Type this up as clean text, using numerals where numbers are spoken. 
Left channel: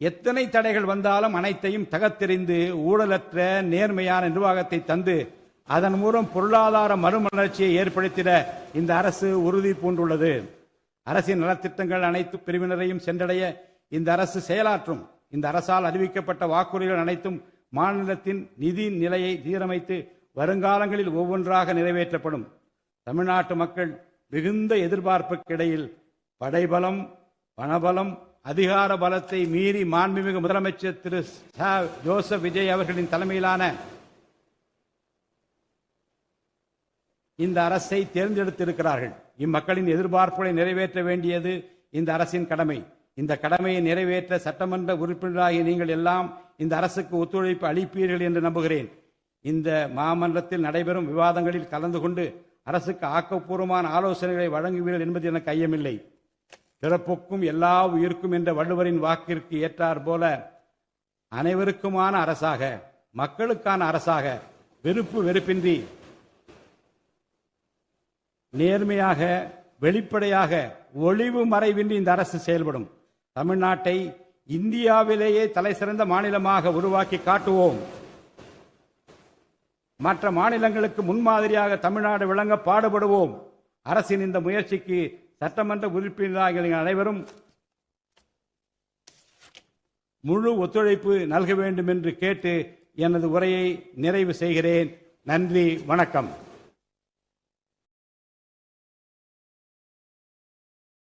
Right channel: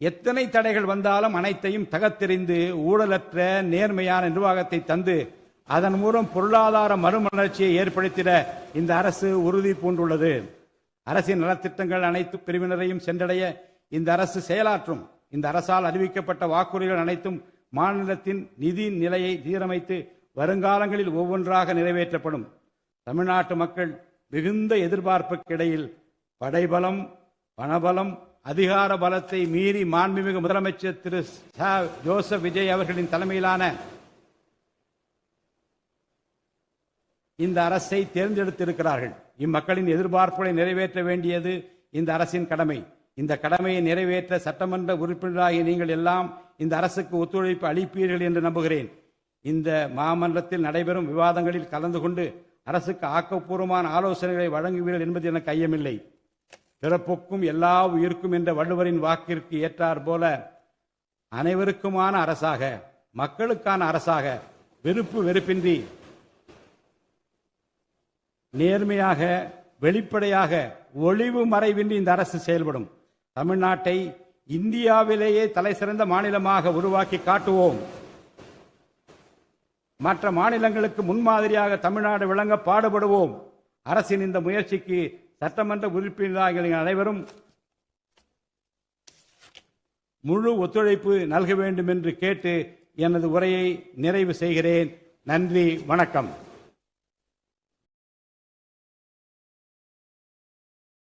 எத்தனை தடைகள் வந்தாலும் அனைத்தையும் தகர்த்தெறிந்து ஊழலற்ற நேர்மையான நிர்வாகத்தை தந்து அதன் மூலம் பொருளாதார மறுமலர்ச்சியை ஏற்படுத்திட இந்த அரசு உறுதி பூண்டுள்ளது. அரசின் நலத்திட்டங்கள் அனைத்து பிரிவினரையும் சென்றடைய இந்த அரசு செயலாற்றும். இந்த அரசால் அறிவிக்கப்பட்ட வாக்குறுதிகள் அனைத்தும் மாநிலத்தின் நிதி நிலையை சீரமைத்து வருங்காலங்களில் ஒவ்வொன்றாக நிறைவேற்றப்படும். தமிழ்நாட்டு மக்கள் மிகுந்த எதிர்பார்ப்புக்கு இடையில் படைபலம், பணபலம், அதிகார பலத்தை மீறி மாண்புமிகு முதலமைச்சர் திரு ஜோசப் விஜய் அவர்களின் தலைமையிலான இந்த அரசை தேர்ந்தெடுத்திருக்கிறார்கள். இம்மக்களின் எதிர்பார்ப்புகளை நிறைவேற்ற வேண்டியது இந்த அரசின் கடமை. இந்த கடமையை நிறைவேற்ற சட்டமன்ற உறுப்பினராகிய நீங்கள் எல்லாம் இந்த அரசுக்கு ஒத்துழைப்பு அளிப்பீர்கள் என்று நம்புகிறேன். இந்த மாமன்றத்தில் நடைபெறும் விவாதங்களில் கலந்து கொண்டு அரசுக்கு ஆக்கப்பூர்வமான ஆலோசனைகளை வழங்குவீர்கள் என்பது எனக்கு ஐயமில்லை. பிறப்புக்கும் எல்லா உயிருக்கும் என்ற வள்ளுவரின் வாக்கிற்கு ஏற்றார் போல அனைவருக்குமான அரசாக, மக்களுக்கான அரசாக, வெறுப்பு வெறுப்பின்றி நேர்மையாக, வெளிப்படையாக, ஒளிவு மறைவின்றி இந்த அரசு செயல்படும். தமிழ்நாட்டை இந்தியாவிலேயே தலைசிறந்த மாநிலமாக உருவாக்கி காட்டுவோம். மற்ற மாநிலங்களுக்கு முன்மாதிரியாக தமிழ்நாடு விளங்க பாடுபடுவோம். அரசின் இந்த முயற்சிக்கு சட்டமன்ற உறுப்பினர்கள் அனைவரும் முழு ஒத்துழைப்பு நல்க வேண்டும் என்று கேட்டு எனது உரையை நிறைவு செய்கிறேன். நன்றி, வணக்கம்.